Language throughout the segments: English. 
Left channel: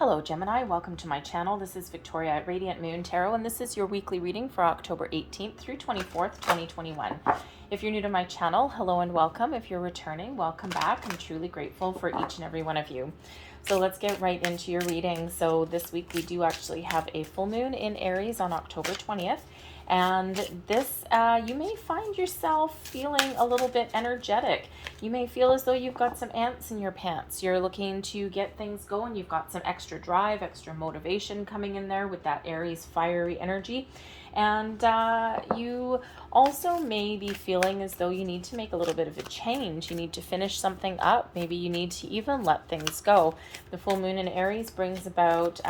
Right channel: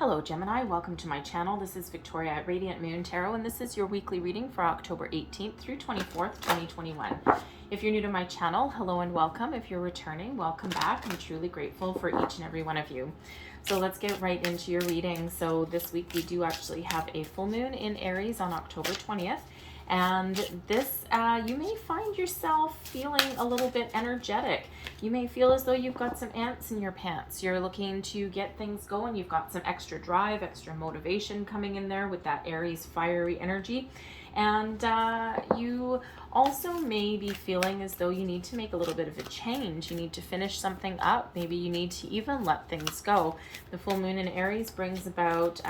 Hello Gemini, welcome to my channel. This is Victoria at Radiant Moon Tarot, and this is your weekly reading for October 18th through 24th, 2021. If you're new to my channel, hello and welcome. If you're returning, welcome back. I'm truly grateful for each and every one of you. So let's get right into your reading. So this week we do actually have a full moon in Aries on October 20th. And this, you may find yourself feeling a little bit energetic. You may feel as though you've got some ants in your pants. You're looking to get things going. You've got some extra drive, extra motivation coming in there with that Aries fiery energy. And you also may be feeling as though you need to make a little bit of a change. You need to finish something up. Maybe you need to even let things go. The full moon in Aries brings about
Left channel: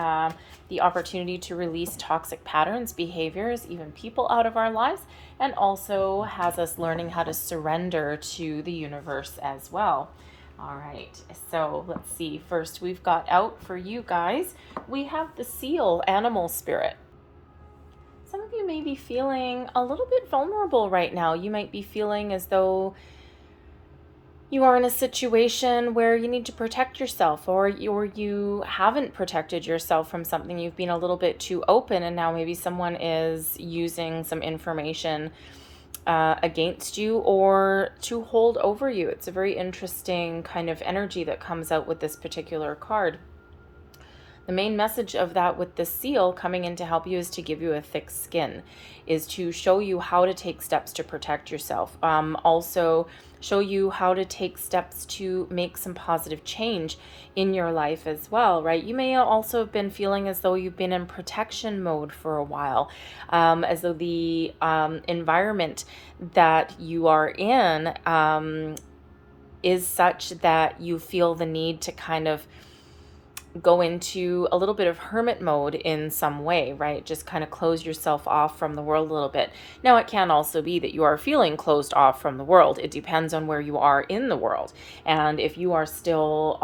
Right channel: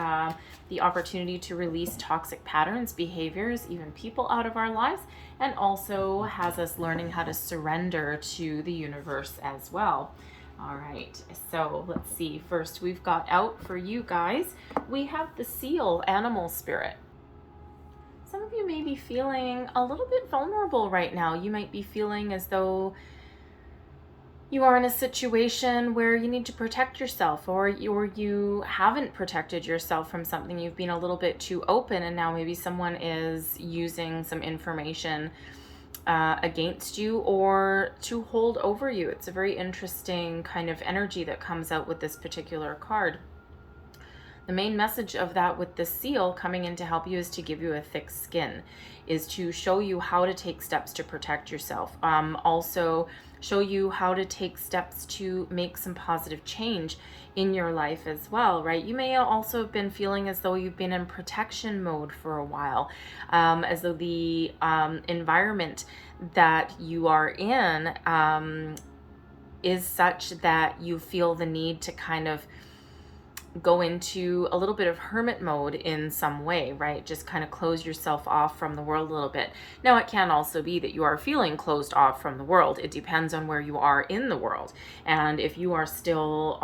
the opportunity to release toxic patterns, behaviors, even people out of our lives, and also has us learning how to surrender to the universe as well. All right, so let's see. First, we've got out for you guys, we have the seal animal spirit. Some of you may be feeling a little bit vulnerable right now. You might be feeling as though you are in a situation where you need to protect yourself, or you haven't protected yourself from something. You've been a little bit too open, and now maybe someone is using some information against you or to hold over you. It's a very interesting kind of energy that comes out with this particular card. The main message of that with the seal coming in to help you is to give you a thick skin, is to show you how to take steps to protect yourself. Also show you how to take steps to make some positive change in your life as well, right? You may also have been feeling as though you've been in protection mode for a while, as though the environment that you are in is such that you feel the need to kind of go into a little bit of hermit mode in some way, right? Just kind of close yourself off from the world a little bit. Now, it can also be that you are feeling closed off from the world. It depends on where you are in the world. And if you are still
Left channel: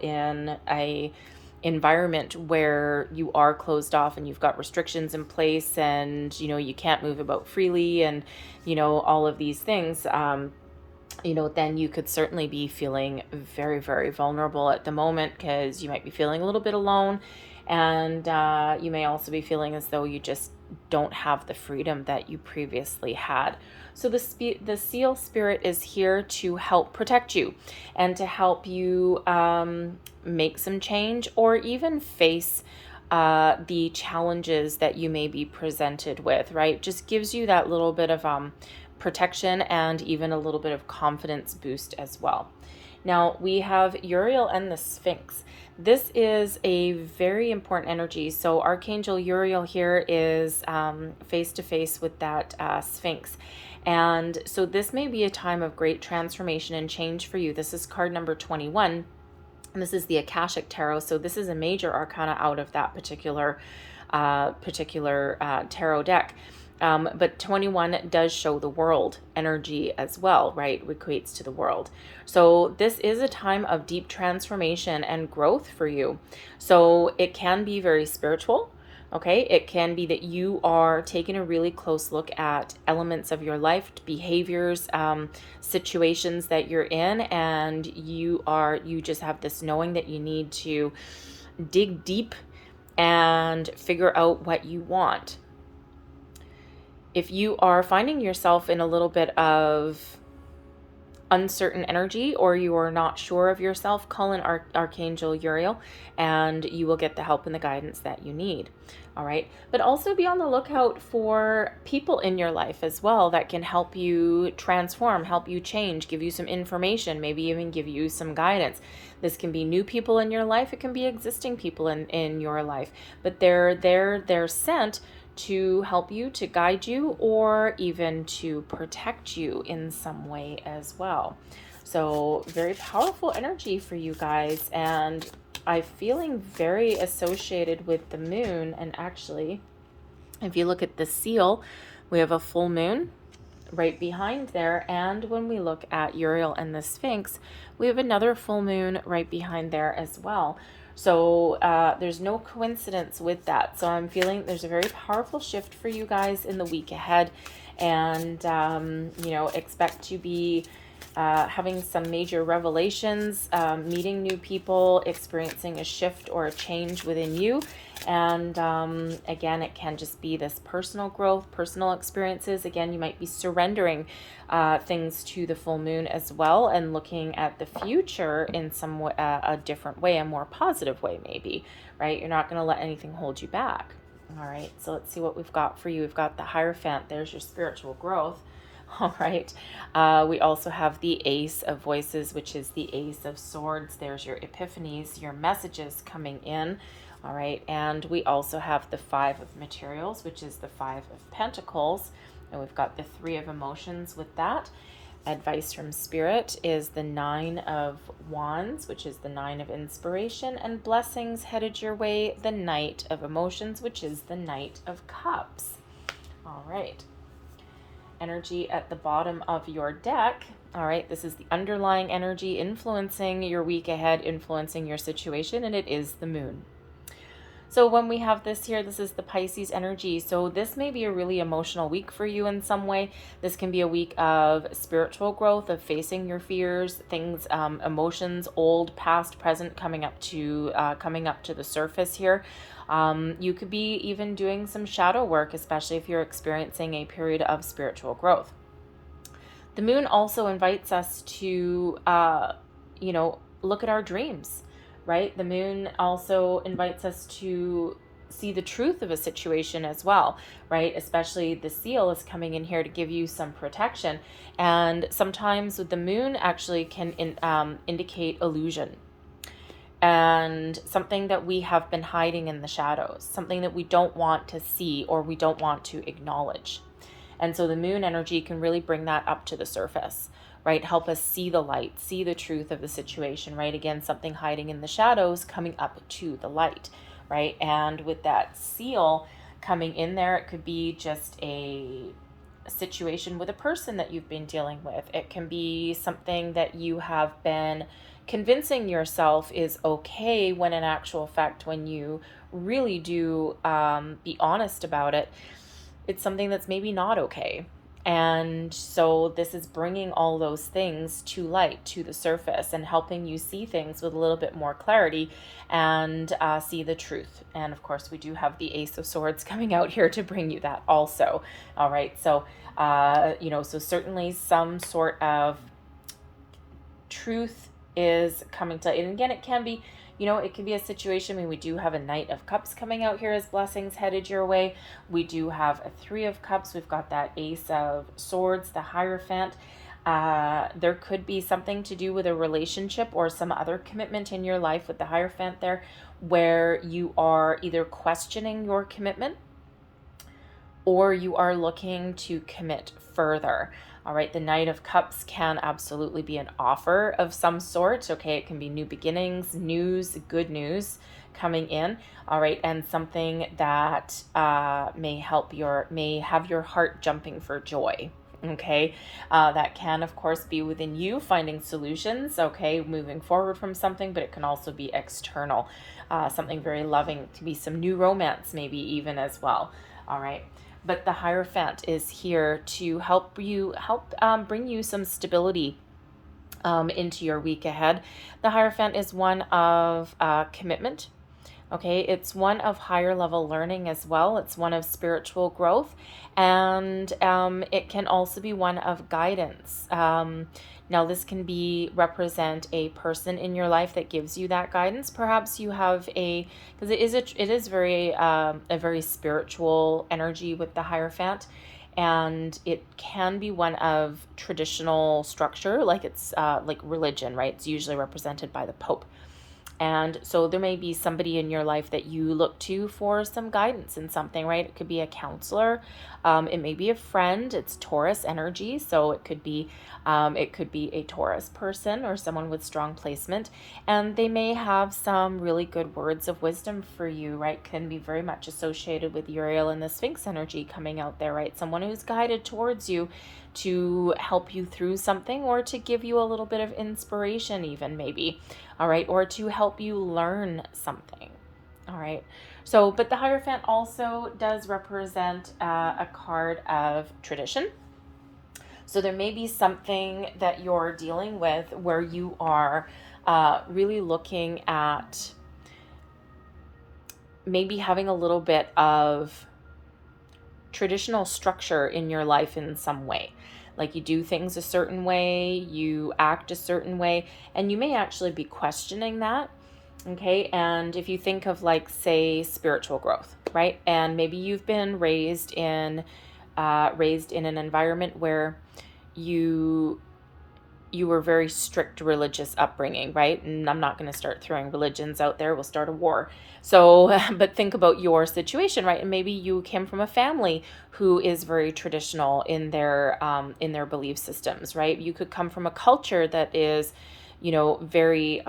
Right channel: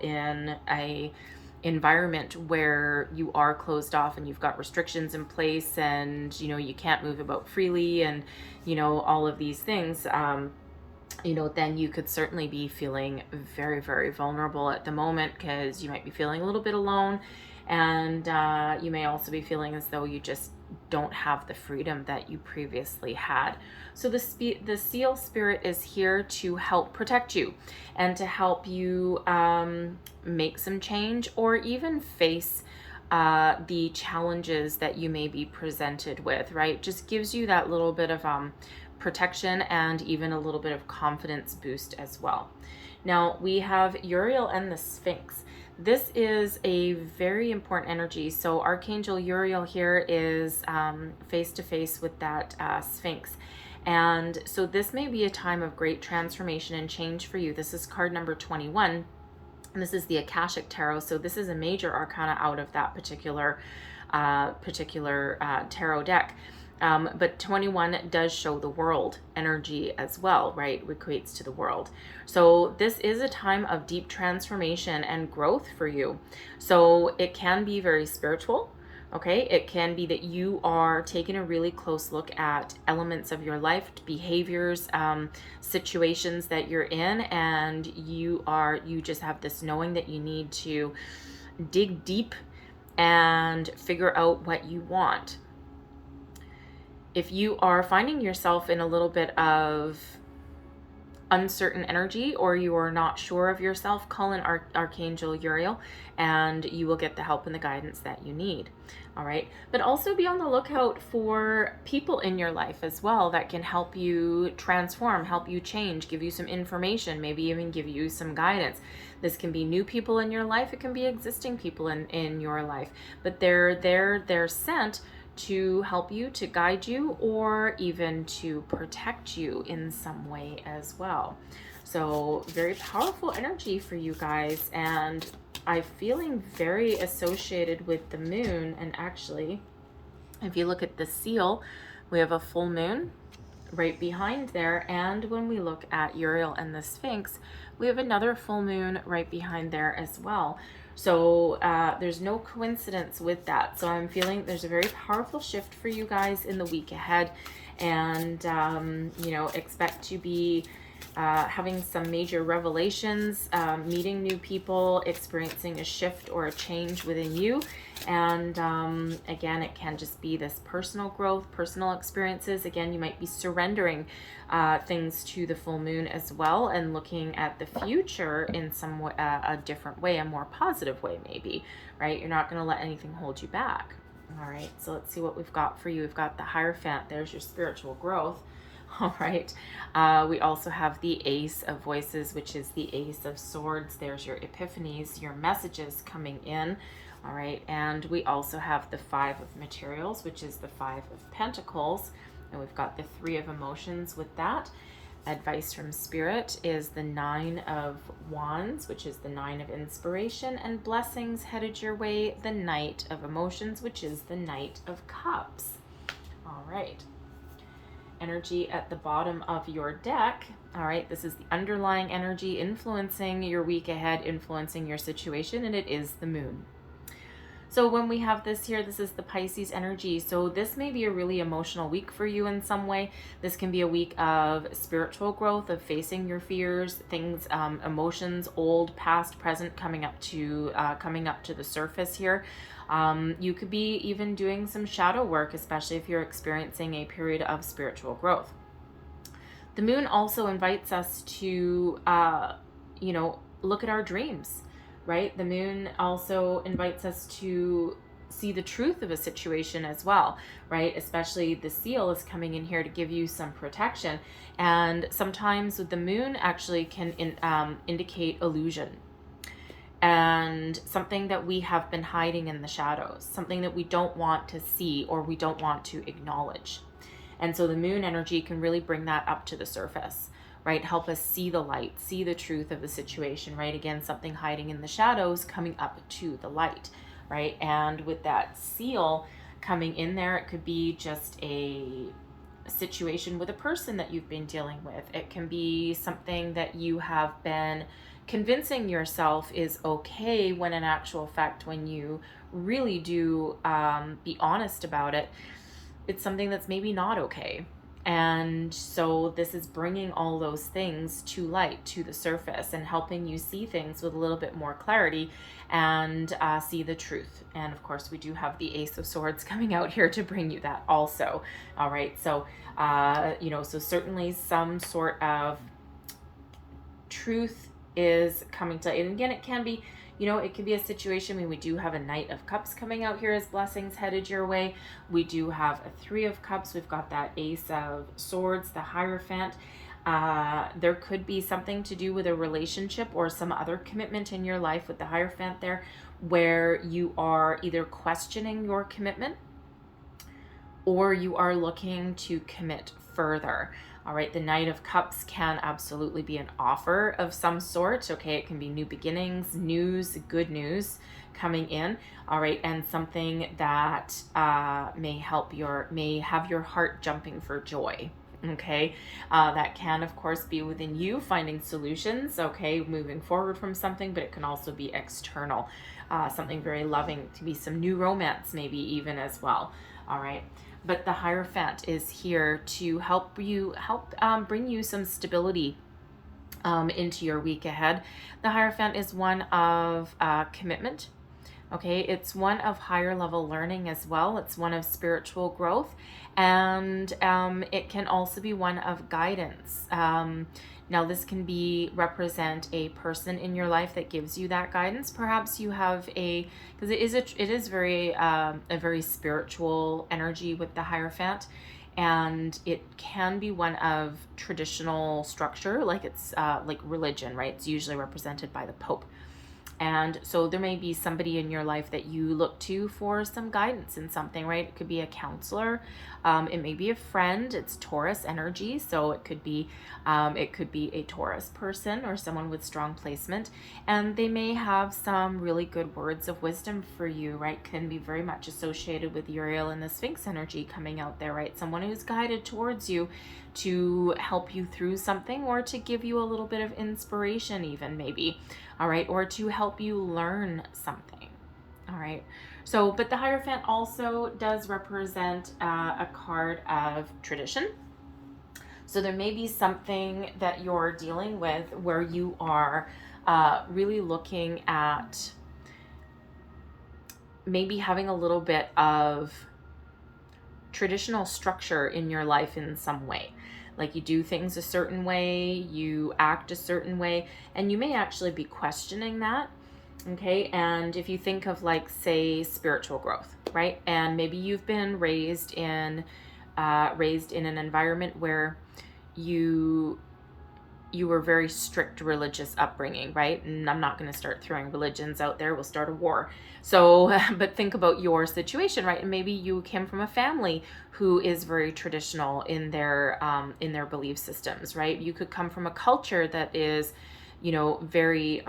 in a environment where you are closed off and you've got restrictions in place, and you can't move about freely, and all of these things, then you could certainly be feeling very, very vulnerable at the moment, because you might be feeling a little bit alone, and you may also be feeling as though you just don't have the freedom that you previously had. So the seal spirit is here to help protect you and to help you make some change, or even face the challenges that you may be presented with, right? Just gives you that little bit of protection and even a little bit of confidence boost as well. Now we have Uriel and the Sphinx. This is a very important energy. So Archangel Uriel here is face to face with that Sphinx. And so this may be a time of great transformation and change for you. This is card number 21. And this is the Akashic Tarot. So this is a major arcana out of that particular tarot deck. But 21 does show the world energy as well, right? Equates to the world. So this is a time of deep transformation and growth for you. So it can be very spiritual, okay? It can be that you are taking a really close look at elements of your life, behaviors, situations that you're in, and you just have this knowing that you need to dig deep and figure out what you want. If you are finding yourself in a little bit of uncertain energy, or you are not sure of yourself, call in Archangel Uriel and you will get the help and the guidance that you need. All right. But also be on the lookout for people in your life as well that can help you transform, help you change, give you some information, maybe even give you some guidance. This can be new people in your life. It can be existing people in your life, but they're sent to help you, to guide you, or even to protect you in some way as well. So very powerful energy for you guys, and I'm feeling very associated with the moon. And actually, if you look at the seal, we have a full moon right behind there, and when we look at Uriel and the Sphinx, we have another full moon right behind there as well. So there's no coincidence with that. So I'm feeling there's a very powerful shift for you guys in the week ahead, and expect to be having some major revelations, meeting new people, experiencing a shift or a change within you. And again, it can just be this personal growth, personal experiences. Again, you might be surrendering things to the full moon as well, and looking at the future in some a different way, a more positive way maybe, right? You're not going to let anything hold you back. All right, so let's see what we've got for you. We've got the Hierophant. There's your spiritual growth. All right. We also have the Ace of Voices, which is the Ace of Swords. There's your epiphanies, your messages coming in. All right. And we also have the Five of Materials, which is the Five of Pentacles. And we've got the Three of Emotions with that. Advice from Spirit is the Nine of Wands, which is the Nine of Inspiration. And blessings headed your way, the Knight of Emotions, which is the Knight of Cups. All right. Energy at the bottom of your deck. All right, this is the underlying energy influencing your week ahead, influencing your situation, and it is the moon. So when we have this here, this is the Pisces energy. So this may be a really emotional week for you in some way. This can be a week of spiritual growth, of facing your fears, things, emotions, old, past, present, coming up to the surface here. You could be even doing some shadow work, especially if you're experiencing a period of spiritual growth. The moon also invites us to, look at our dreams, right? The moon also invites us to see the truth of a situation as well, right? Especially the Seal is coming in here to give you some protection. And sometimes with the moon actually can indicate illusion. And something that we have been hiding in the shadows, something that we don't want to see or we don't want to acknowledge. And so the moon energy can really bring that up to the surface, right? Help us see the light, see the truth of the situation, right? Again, something hiding in the shadows coming up to the light, right? And with that Seal coming in there, it could be just a situation with a person that you've been dealing with. It can be something that you have been convincing yourself is okay, when in actual fact, when you really do be honest about it, it's something that's maybe not okay. And so this is bringing all those things to light, to the surface, and helping you see things with a little bit more clarity and see the truth. And of course, we do have the Ace of Swords coming out here to bring you that also. All right, so so certainly some sort of truth is coming to, and again, it can be, it can be a situation when we do have a Knight of Cups coming out here as blessings headed your way. We do have a Three of Cups. We've got that Ace of Swords, the Hierophant. There could be something to do with a relationship or some other commitment in your life with the Hierophant there, where you are either questioning your commitment or you are looking to commit further. All right, the Knight of Cups can absolutely be an offer of some sort. Okay, it can be new beginnings, news, good news coming in. All right, and something that may have your heart jumping for joy. Okay, that can of course be within you, finding solutions. Okay, moving forward from something, but it can also be external, something very loving, to be some new romance, maybe even as well. All right. But the Hierophant is here to help bring you some stability into your week ahead. The Hierophant is one of commitment. Okay, it's one of higher level learning as well. It's one of spiritual growth, and it can also be one of guidance. Now, this can represent a person in your life that gives you that guidance. Perhaps you have because it is very a very spiritual energy with the Hierophant, and it can be one of traditional structure, like it's like religion, right? It's usually represented by the Pope. And so there may be somebody in your life that you look to for some guidance in something, right? It could be a counselor. It may be a friend. It's Taurus energy. So it could be a Taurus person or someone with strong placement. And they may have some really good words of wisdom for you, right? Can be very much associated with Uriel and the Sphinx energy coming out there, right? Someone who's guided towards you to help you through something, or to give you a little bit of inspiration even, maybe. All right, or to help you learn something. All right, so but the Hierophant also does represent a card of tradition. So there may be something that you're dealing with where you are really looking at maybe having a little bit of traditional structure in your life in some way. Like you do things a certain way, you act a certain way, and you may actually be questioning that. Okay, and if you think of, like, say, spiritual growth, right? And maybe you've been raised in an environment where you were very strict religious upbringing, right? And I'm not going to start throwing religions out there. We'll start a war. So, but think about your situation, right? And maybe you came from a family who is very traditional in their belief systems, right? You could come from a culture that is, very,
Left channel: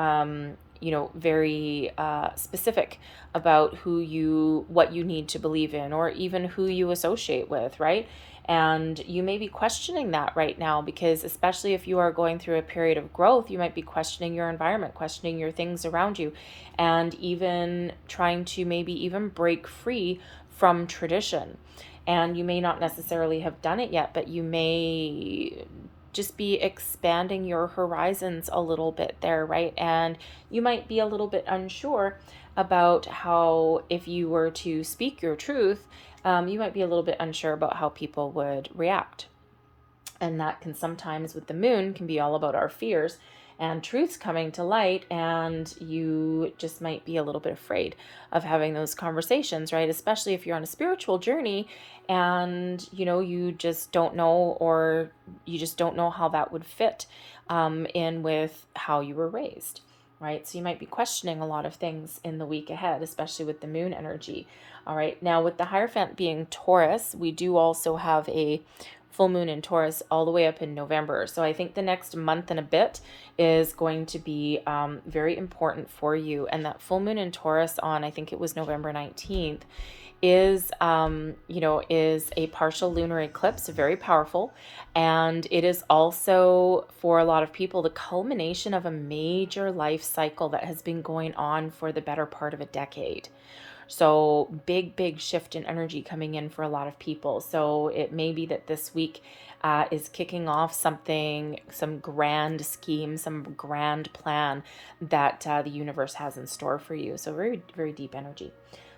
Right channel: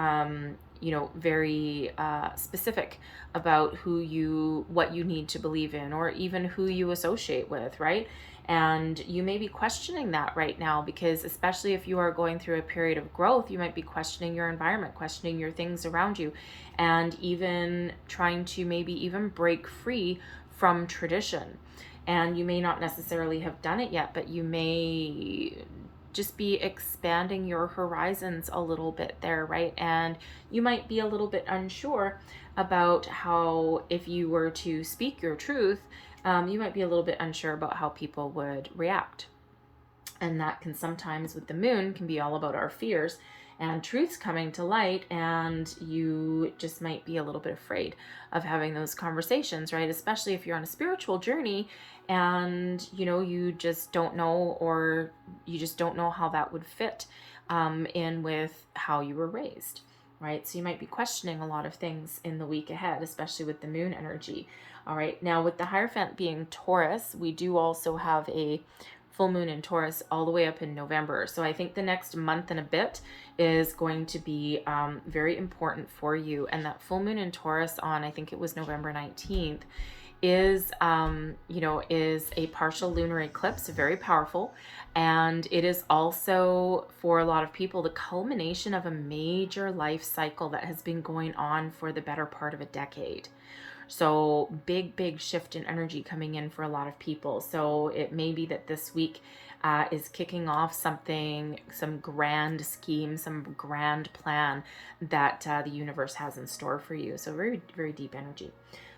very specific about what you need to believe in, or even who you associate with, right? And you may be questioning that right now, because especially if you are going through a period of growth, you might be questioning your environment, questioning your things around you, and even trying to maybe even break free from tradition. And you may not necessarily have done it yet, but you may just be expanding your horizons a little bit there, right? And you might be a little bit unsure about how, if you were to speak your truth, you might be a little bit unsure about how people would react. And that can sometimes, with the moon, can be all about our fears and truths coming to light, and you just might be a little bit afraid of having those conversations, right? Especially if you're on a spiritual journey and you just don't know, or you just don't know how that would fit in with how you were raised, right? So you might be questioning a lot of things in the week ahead, especially with the moon energy. All right, now with the Hierophant being Taurus, we do also have a full moon in Taurus all the way up in November. So I think the next month and a bit is going to be very important for you. And that full moon in Taurus on, I think it was November 19th, is a partial lunar eclipse, very powerful. And it is also, for a lot of people, the culmination of a major life cycle that has been going on for the better part of a decade. So big shift in energy coming in for a lot of people. So it may be that this week is kicking off some grand scheme, some grand plan that the universe has in store for you. So very, very deep energy.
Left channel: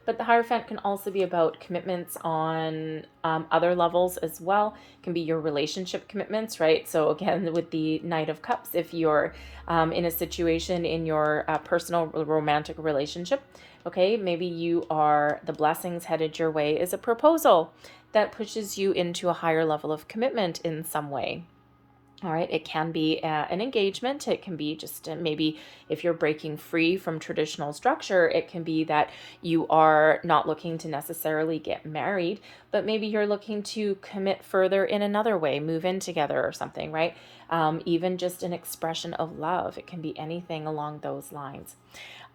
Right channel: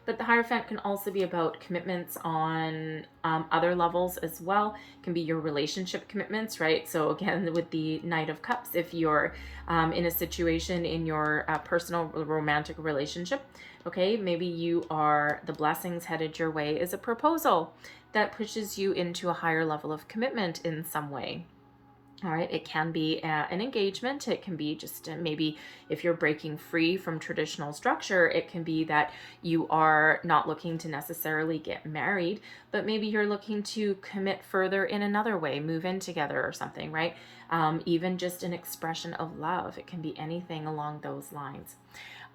But the Hierophant can also be about commitments on other levels as well. It can be your relationship commitments, right? So again, with the Knight of Cups, if you're in a situation in your personal romantic relationship, okay, maybe the blessings headed your way is a proposal that pushes you into a higher level of commitment in some way. All right, it can be an engagement. It can be just maybe if you're breaking free from traditional structure, it can be that you are not looking to necessarily get married, but maybe you're looking to commit further in another way, move in together or something, right? Even just an expression of love. It can be anything along those lines.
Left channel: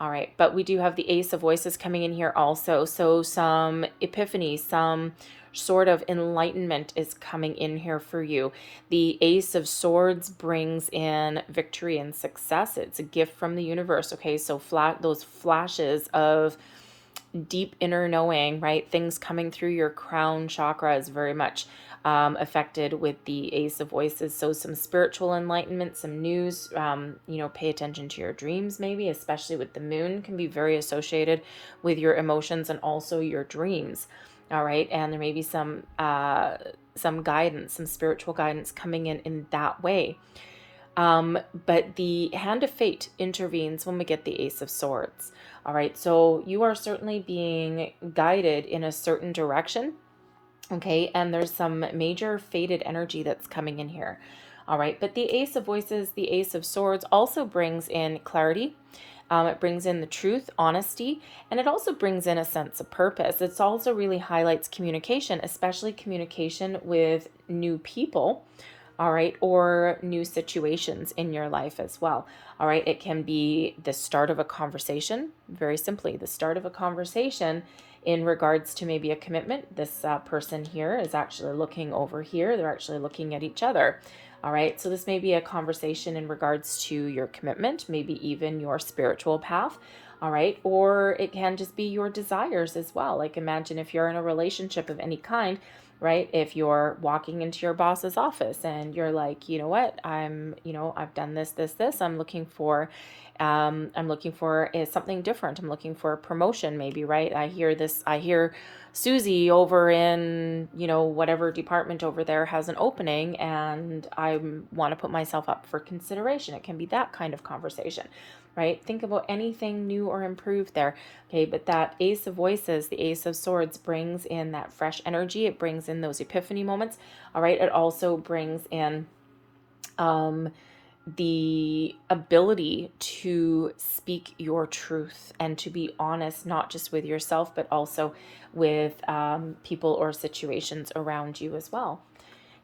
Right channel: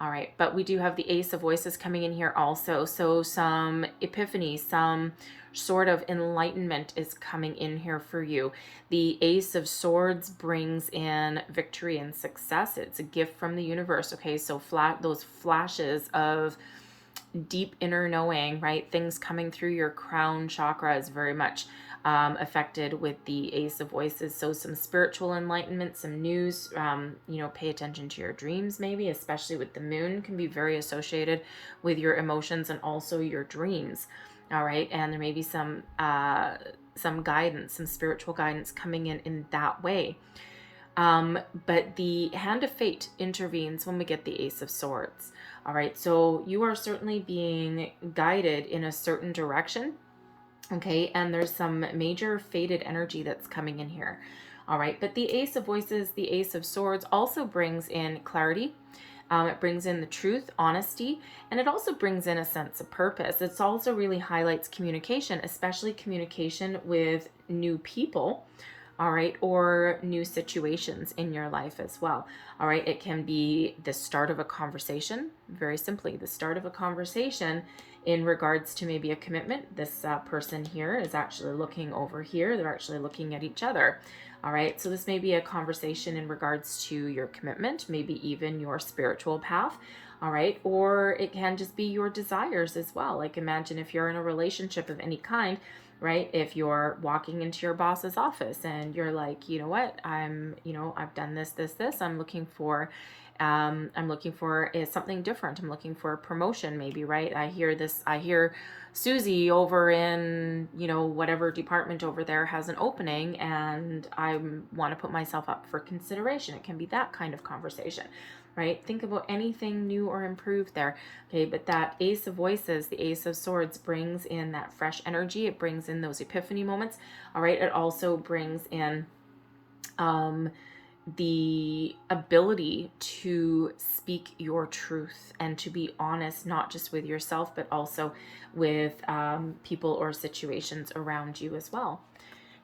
All right, but we do have the Ace of Voices coming in here also. So some epiphany, some sort of enlightenment is coming in here for you. The Ace of Swords brings in victory and success. It's a gift from the universe. Okay, so those flashes of deep inner knowing, right? Things coming through your crown chakra is very much affected with the Ace of Voices. So some spiritual enlightenment, some news, pay attention to your dreams maybe, especially with the moon, can be very associated with your emotions and also your dreams. All right, and there may be some guidance, some spiritual guidance coming in that way. But the hand of fate intervenes when we get the Ace of Swords. All right, so you are certainly being guided in a certain direction. Okay, and there's some major fated energy that's coming in here. All right, but the Ace of Voices, the Ace of Swords also brings in clarity. It brings in the truth, honesty, and it also brings in a sense of purpose. It also really highlights communication, especially communication with new people, all right, or new situations in your life as well. All right, it can be the start of a conversation, very simply, the start of a conversation in regards to maybe a commitment. This person here is actually looking over here. They're actually looking at each other. All right, so this may be a conversation in regards to your commitment, maybe even your spiritual path. All right, or it can just be your desires as well. Like imagine if you're in a relationship of any kind right? If you're walking into your boss's office and you're like, you know what, I've done this. I'm looking for is something different. I'm looking for a promotion, maybe, right? I hear Susie over in, whatever department over there has an opening, and I want to put myself up for consideration. It can be that kind of conversation, right? Think about anything new or improved there. Okay, but that Ace of Voices, the Ace of Swords, brings in that fresh energy. It brings in those epiphany moments. All right, it also brings in the ability to speak your truth and to be honest, not just with yourself, but also with people or situations around you as well.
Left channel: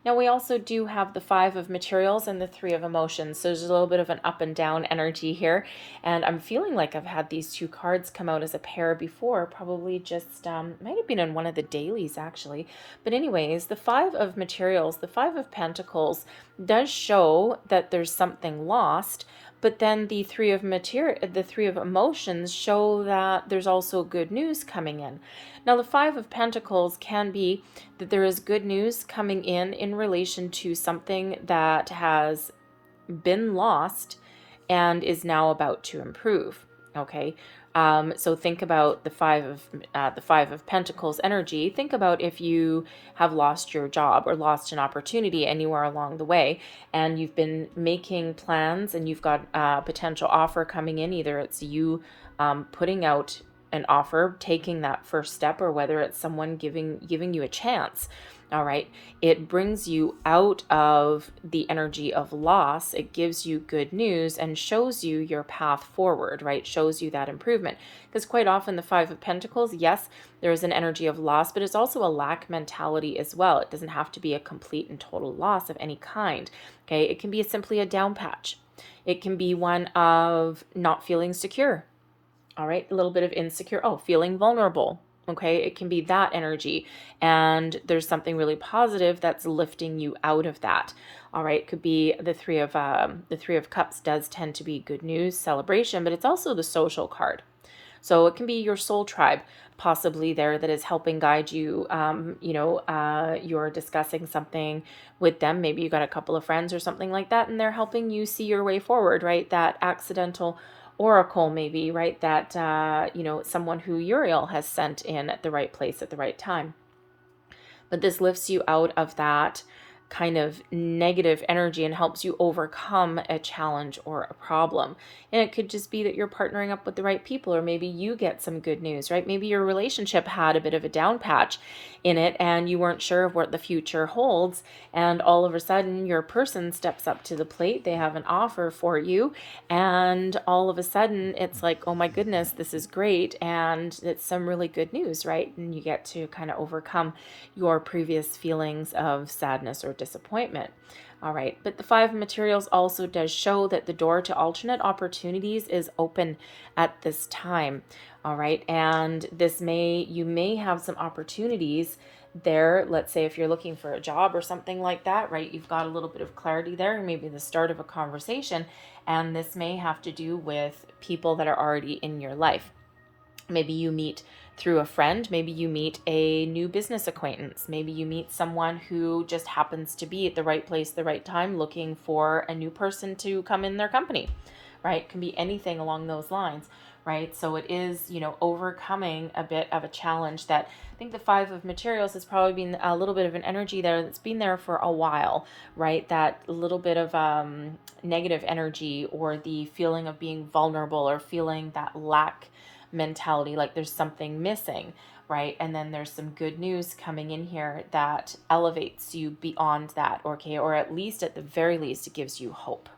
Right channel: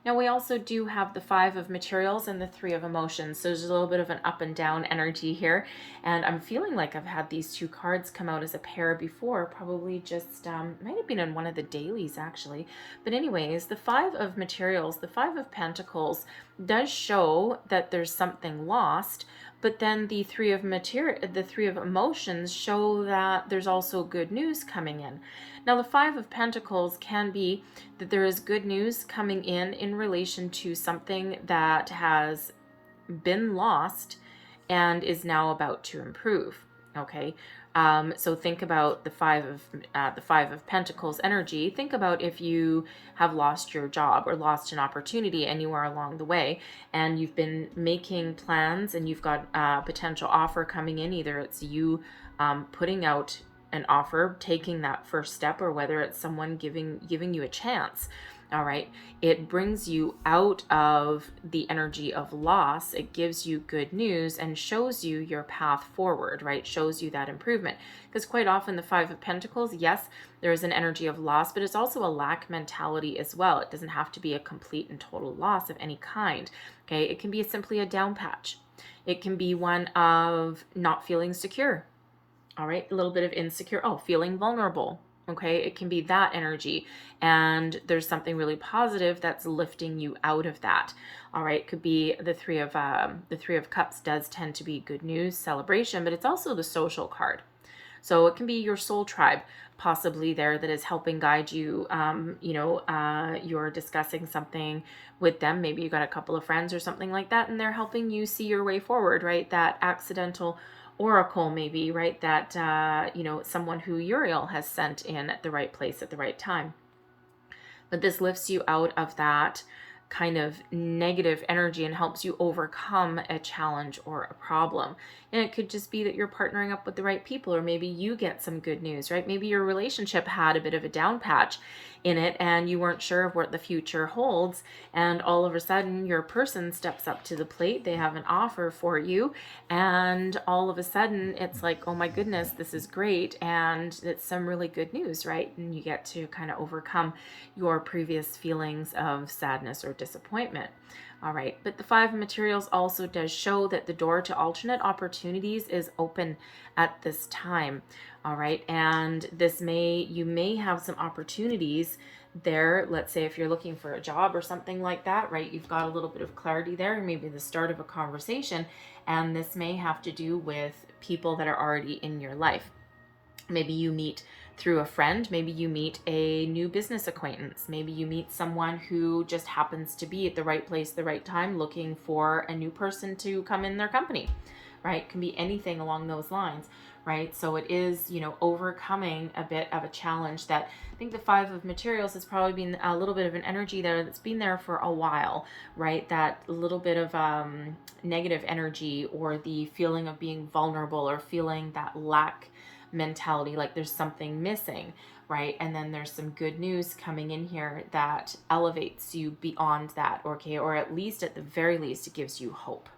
Now, we also do have the Five of Materials and the Three of Emotions. So there's a little bit of an up and down energy here. And I'm feeling like I've had these two cards come out as a pair before, probably just, might have been in one of the dailies actually. But anyways, the Five of Materials, the Five of Pentacles does show that there's something lost. But then the Three of Emotions show that there's also good news coming in. Now, the Five of Pentacles can be that there is good news coming in relation to something that has been lost and is now about to improve. Okay, so think about the Five of Pentacles energy. Think about if you have lost your job or lost an opportunity anywhere along the way, and you've been making plans, and you've got a potential offer coming in. Either it's you putting out an offer, taking that first step, or whether it's someone giving you a chance. All right, it brings you out of the energy of loss. It gives you good news and shows you your path forward, right? Shows you that improvement. Because quite often the Five of Pentacles, yes, there is an energy of loss, but it's also a lack mentality as well. It doesn't have to be a complete and total loss of any kind. Okay, it can be simply a down patch. It can be one of not feeling secure. All right, a little bit of insecure, feeling vulnerable. Okay, it can be that energy, and there's something really positive that's lifting you out of that. All right, it could be the Three of Cups does tend to be good news, celebration, but it's also the social card. So it can be your soul tribe possibly there that is helping guide you. You're discussing something with them. Maybe you got a couple of friends or something like that, and they're helping you see your way forward, right? That accidental oracle, maybe, right? That, someone who Uriel has sent in at the right place at the right time. But this lifts you out of that kind of negative energy and helps you overcome a challenge or a problem. And it could just be that you're partnering up with the right people, or maybe you get some good news, right? Maybe your relationship had a bit of a down patch in it and you weren't sure of what the future holds, and all of a sudden your person steps up to the plate. They have an offer for you, and all of a sudden it's like, oh my goodness, this is great, and it's some really good news, right? And you get to kind of overcome your previous feelings of sadness or disappointment. All right, but the Five of Materials also does show that the door to alternate opportunities is open at this time. All right, and you may have some opportunities there. Let's say if you're looking for a job or something like that, right? You've got a little bit of clarity there, maybe the start of a conversation, and this may have to do with people that are already in your life. Maybe you meet through a friend, maybe you meet a new business acquaintance, maybe you meet someone who just happens to be at the right place, the right time, looking for a new person to come in their company, right? It can be anything along those lines, right? So it is, overcoming a bit of a challenge that I think the Five of Materials has probably been a little bit of an energy there that's been there for a while, right? That little bit of negative energy, or the feeling of being vulnerable, or feeling that lack mentality, like there's something missing, right? And then there's some good news coming in here that elevates you beyond that, okay? Or at the very least, it gives you hope.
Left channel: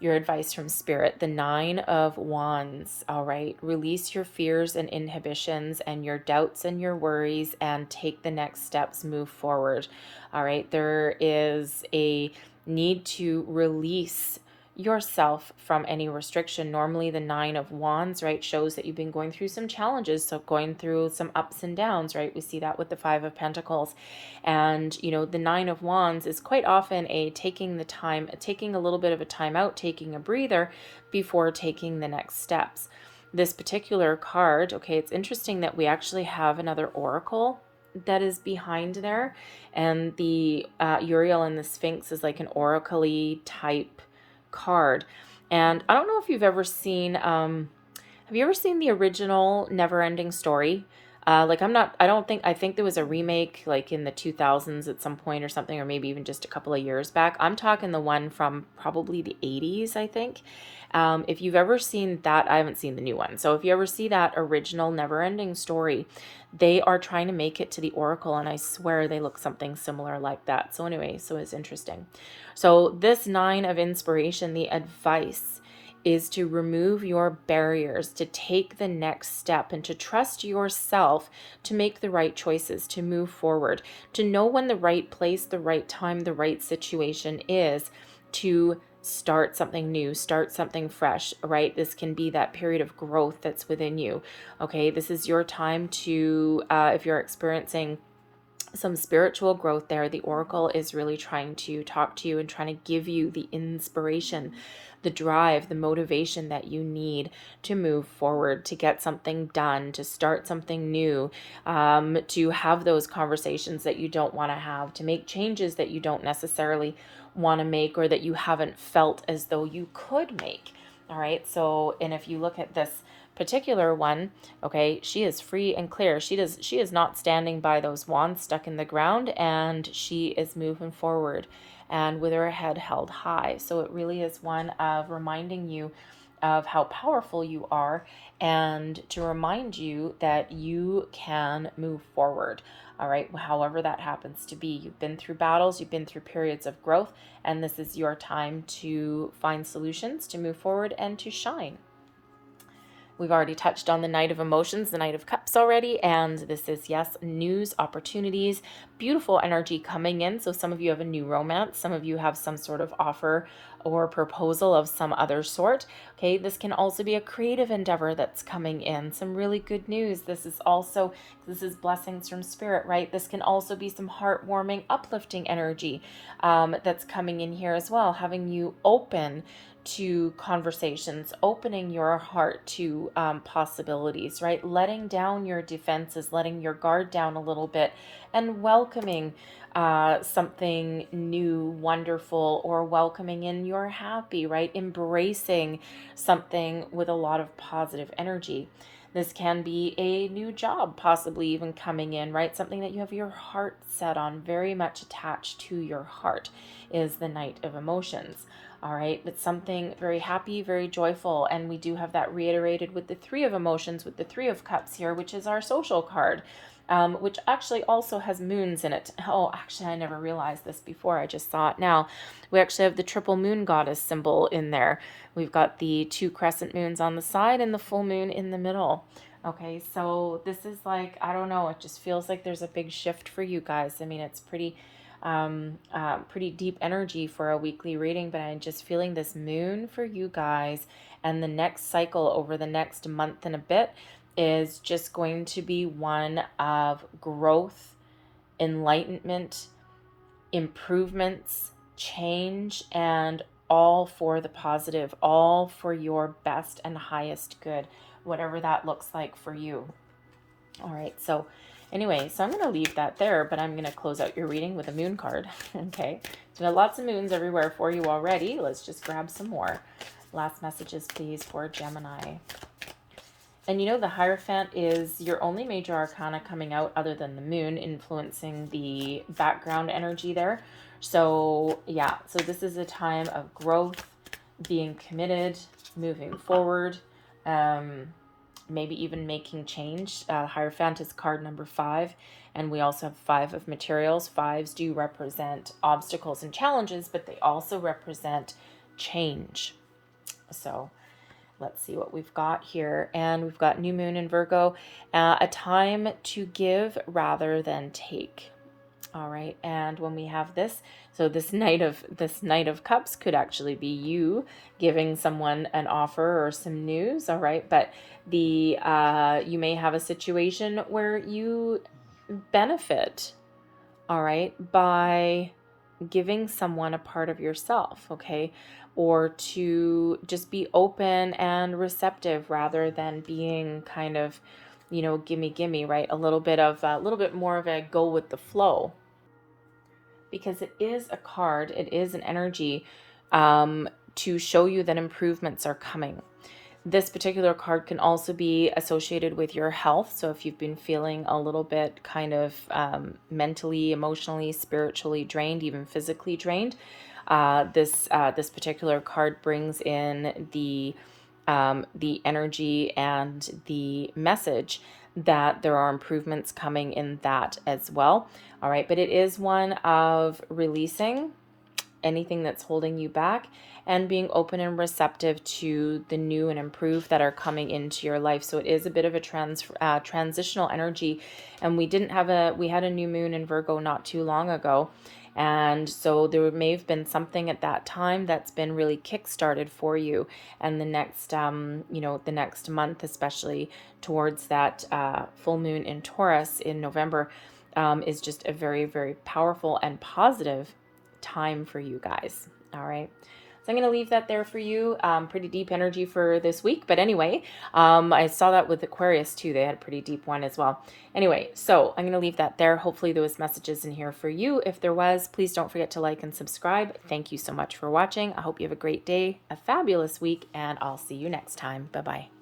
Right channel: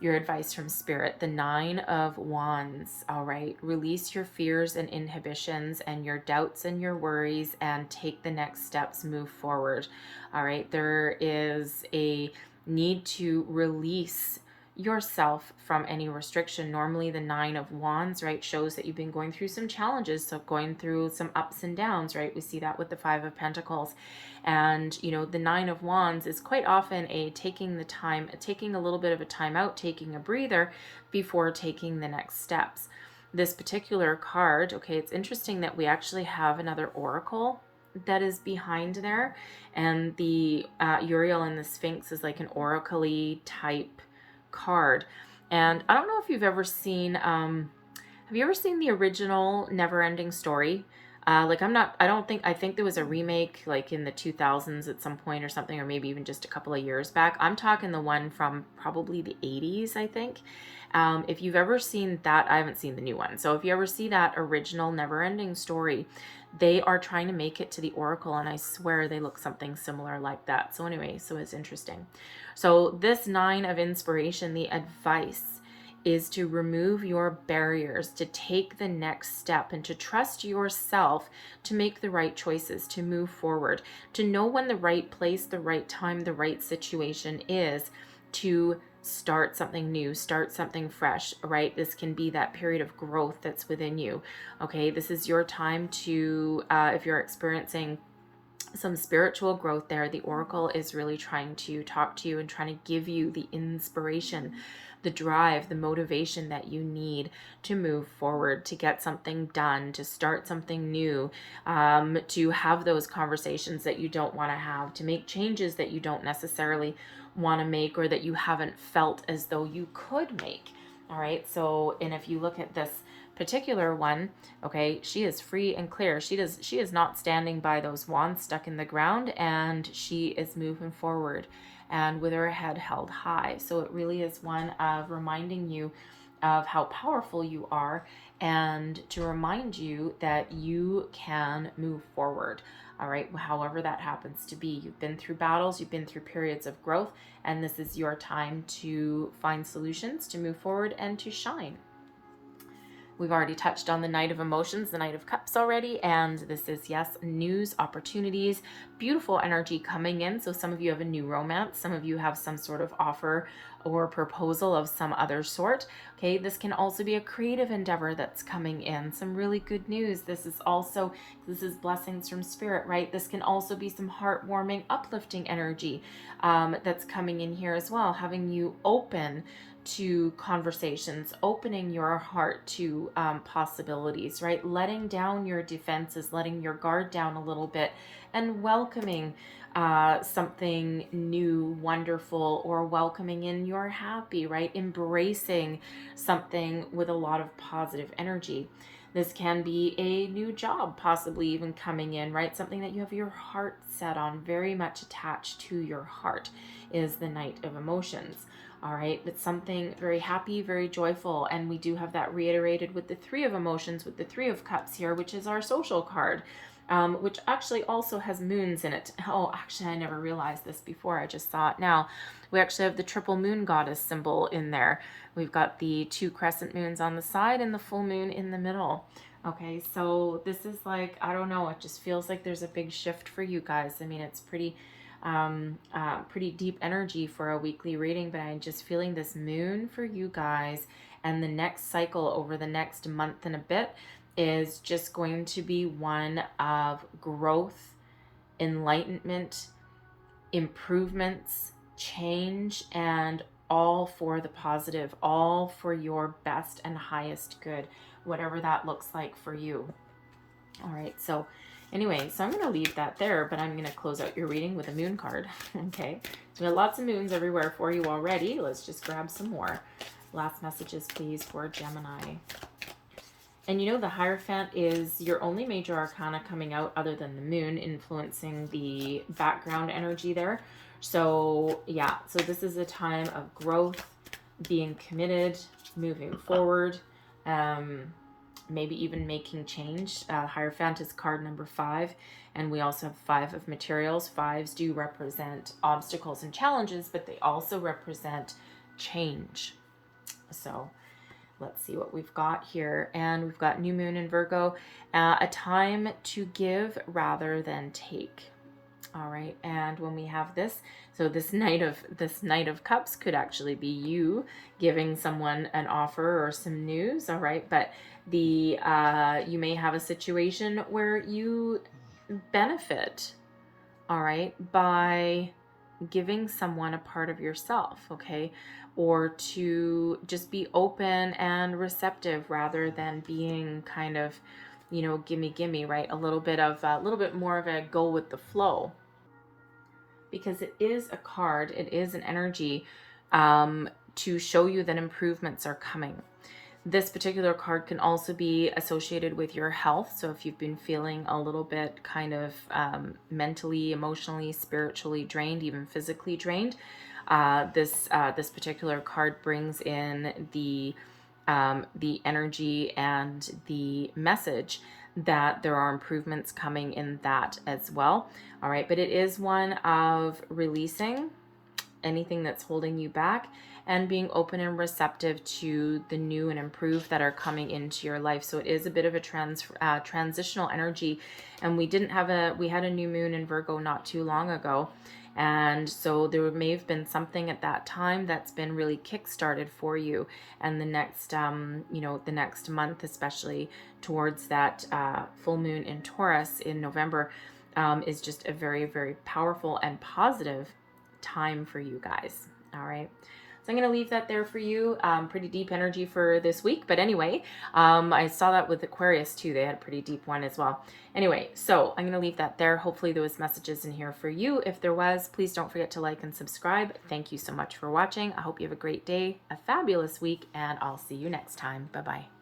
Your advice from Spirit, the Nine of Wands. All right, release your fears and inhibitions and your doubts and your worries, and take the next steps, move forward. All right, there is a need to release yourself from any restriction. Normally the Nine of Wands, right, shows that you've been going through some challenges, so going through some ups and downs, right? We see that with the Five of Pentacles. And the Nine of Wands is quite often taking a little bit of a time out, taking a breather before taking the next steps. This particular card, okay, it's interesting that we actually have another oracle that is behind there. And the Uriel and the Sphinx is like an oracle-y type card. And I don't know if you've ever seen, have you ever seen the original Never-Ending Story? I think there was a remake like in the 2000s at some point or something, or maybe even just a couple of years back. I'm talking the one from probably the 80s, I think. If you've ever seen that, I haven't seen the new one. So if you ever see that original Never-Ending Story, they are trying to make it to the Oracle, and I swear they look something similar like that. So anyway, so it's interesting. So this 9 of Inspiration, the advice is to remove your barriers, to take the next step, and to trust yourself to make the right choices, to move forward, to know when the right place, the right time, the right situation is to start something new, start something fresh, right? This can be that period of growth that's within you. Okay, this is your time to, if you're experiencing some spiritual growth there, the Oracle is really trying to talk to you and trying to give you the inspiration, the drive, the motivation that you need to move forward, to get something done, to start something new, to have those conversations that you don't want to have, to make changes that you don't necessarily want to make or that you haven't felt as though you could make. All right. So, and if you look at this particular one, okay, she is free and clear. She is not standing by those wands stuck in the ground, and she is moving forward and with her head held high. So it really is one of reminding you of how powerful you are, and to remind you that you can move forward. All right, however that happens to be. You've been through battles, you've been through periods of growth, and this is your time to find solutions, to move forward, and to shine. We've already touched on the Knight of Emotions, the Knight of Cups already, and this is, yes, news, opportunities, beautiful energy coming in. So some of you have a new romance, some of you have some sort of offer or proposal of some other sort. Okay, this can also be a creative endeavor that's coming in, some really good news. This is blessings from Spirit, right? This can also be some heartwarming, uplifting energy that's coming in here as well, having you open to conversations, opening your heart to possibilities, right? Letting down your defenses, letting your guard down a little bit, and welcoming something new, wonderful, or welcoming in your happy, right? Embracing something with a lot of positive energy. This can be a new job, possibly even coming in, right? Something that you have your heart set on, very much attached to your heart, is the Knight of Emotions. All right, it's something very happy, very joyful. And we do have that reiterated with the 3 of Emotions, with the 3 of Cups here, which is our social card, which actually also has moons in it. Oh, actually, I never realized this before. I just saw it now. We actually have the triple moon goddess symbol in there. We've got the 2 crescent moons on the side and the full moon in the middle. Okay, so this is like, I don't know, it just feels like there's a big shift for you guys. I mean, it's pretty deep energy for a weekly reading, but I'm just feeling this moon for you guys, and the next cycle over the next month and a bit is just going to be one of growth, enlightenment, improvements, change, and all for the positive, all for your best and highest good, whatever that looks like for you. All right, so anyway, so I'm going to leave that there, but I'm going to close out your reading with a moon card. Okay, so we have lots of moons everywhere for you already. Let's just grab some more. Last messages, please, for Gemini. And you know, the Hierophant is your only major arcana coming out other than the moon, influencing the background energy there. So yeah, so this is a time of growth, being committed, moving forward, maybe even making change. Hierophant is card number 5, and we also have 5 of materials. 5s do represent obstacles and challenges, but they also represent change. So let's see what we've got here. And we've got new moon in Virgo, a time to give rather than take. All right, and when we have this, so this Knight of Cups could actually be you giving someone an offer or some news. All right, but the you may have a situation where you benefit, all right, by giving someone a part of yourself, okay, or to just be open and receptive rather than being kind of gimme, right? A little bit more of a go with the flow, because it is a card, it is an energy to show you that improvements are coming. This particular card can also be associated with your health. So if you've been feeling a little bit kind of mentally, emotionally, spiritually drained, even physically drained, this particular card brings in the energy and the message that there are improvements coming in that as well. All right, but it is one of releasing anything that's holding you back and being open and receptive to the new and improved that are coming into your life. So it is a bit of a transitional energy. And we had a new moon in Virgo not too long ago. And so there may have been something at that time that's been really kick-started for you. And the next month, especially towards that full moon in Taurus in November, is just a very, very powerful and positive time for you guys. All right. So I'm going to leave that there for you. Pretty deep energy for this week. But anyway, I saw that with Aquarius too. They had a pretty deep one as well. Anyway, so I'm going to leave that there. Hopefully there was messages in here for you. If there was, please don't forget to like and subscribe. Thank you so much for watching. I hope you have a great day, a fabulous week, and I'll see you next time. Bye-bye.